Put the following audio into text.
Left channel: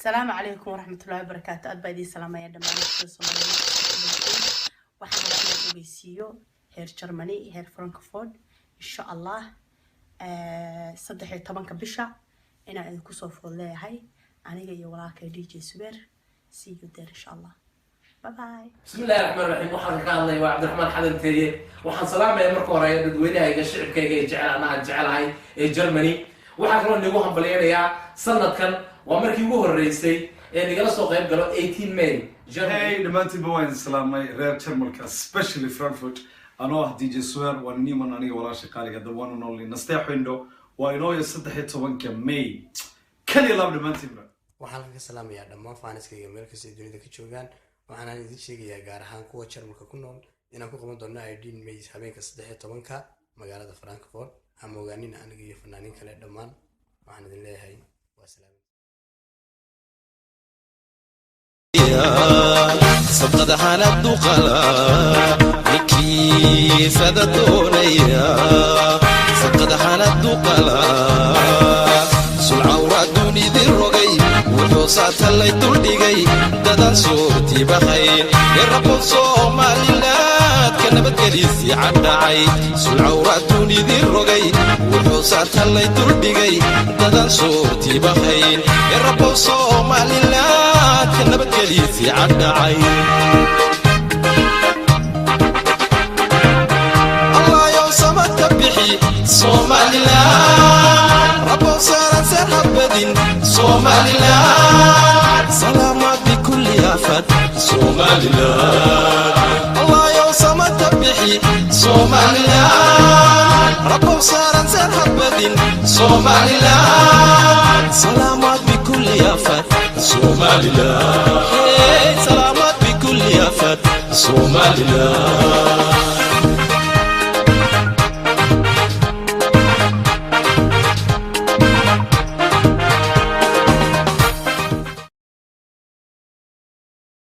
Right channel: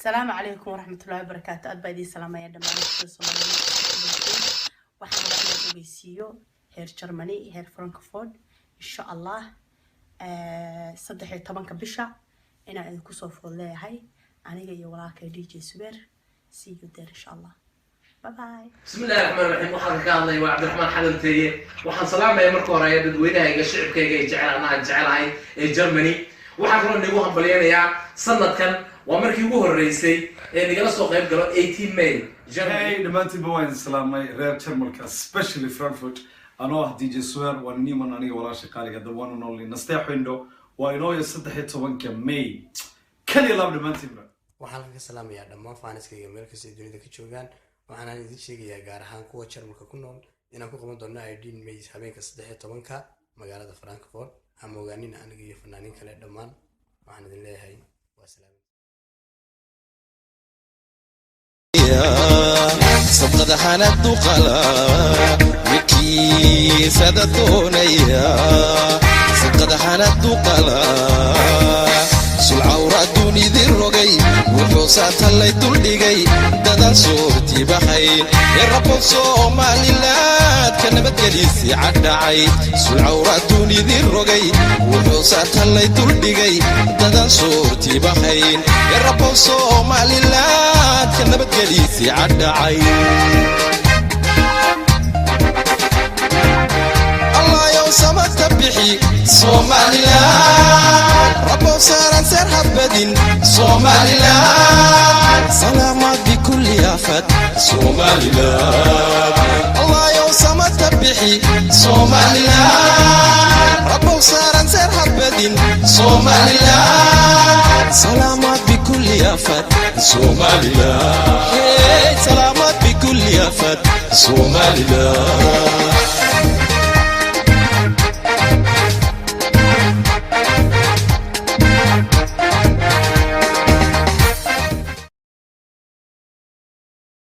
السلام عليكم ورحمة الله وبركاته. أدبا سلام يا دمان waxaan rabaa inaan ogeysiiyo heer Germany heer Frankfurt insha Allah 13 bisha inaan idinku soo fool leeyahay aniga iyo walaalkay DJ Subeer see you there insha Allah bye bye. بسم الله الرحمن الرحيم. waxaan ka hadlay waa Cabdiraxmaan Xadanteeye. waxaan salaamayaa marka hore dadweynahayga shicibkayga ee jecelahay ee Germany. waxaan kaloo nigu hambalyeeyaa sanadkan waa markii ugu horeysay ee nigala soo qayb galo 18 May. Hey, dhamaantiin baan salaamay reer Jarmalka, especially Frankfurt. Anoo ah DJ Subeer waa niman aniga walaasha qaaliga the one and only nasteex window waa inoo 13 May. kaliya laba dhamaantiin ba. waxaan ka salaamayaa dhammaan faaniskayga meel kasta ee dunida ka joogaan. waxaan idin sheegayaa gaar ahaan kuwa Jarmalka ku nool inaan ku qaban doono 18 May habeenka 13 magaalada Frankfurt. ama ogaanina aniga iyo fanaaniin kale dhammaan waxaan idin leeyahay waa salaam. صدق حالات وقلا وكي سادتونيا صدق حالات وقلا سلعة ورادوني ذي الرقي والحوصات اللي تولدي دادان صوتي بخير يا رب الصومالي لا كان بتكليسي عدعي سلعة ورادوني ذي الرقي والحوصات اللي تولدي دادان صوتي بخير يا رب الصومالي لا كان بتكليسي عدعي الله يوم سمت بحي صومالي لا رب صار سرح بدين صومالي لا سلامات بكل يافت صومالي لا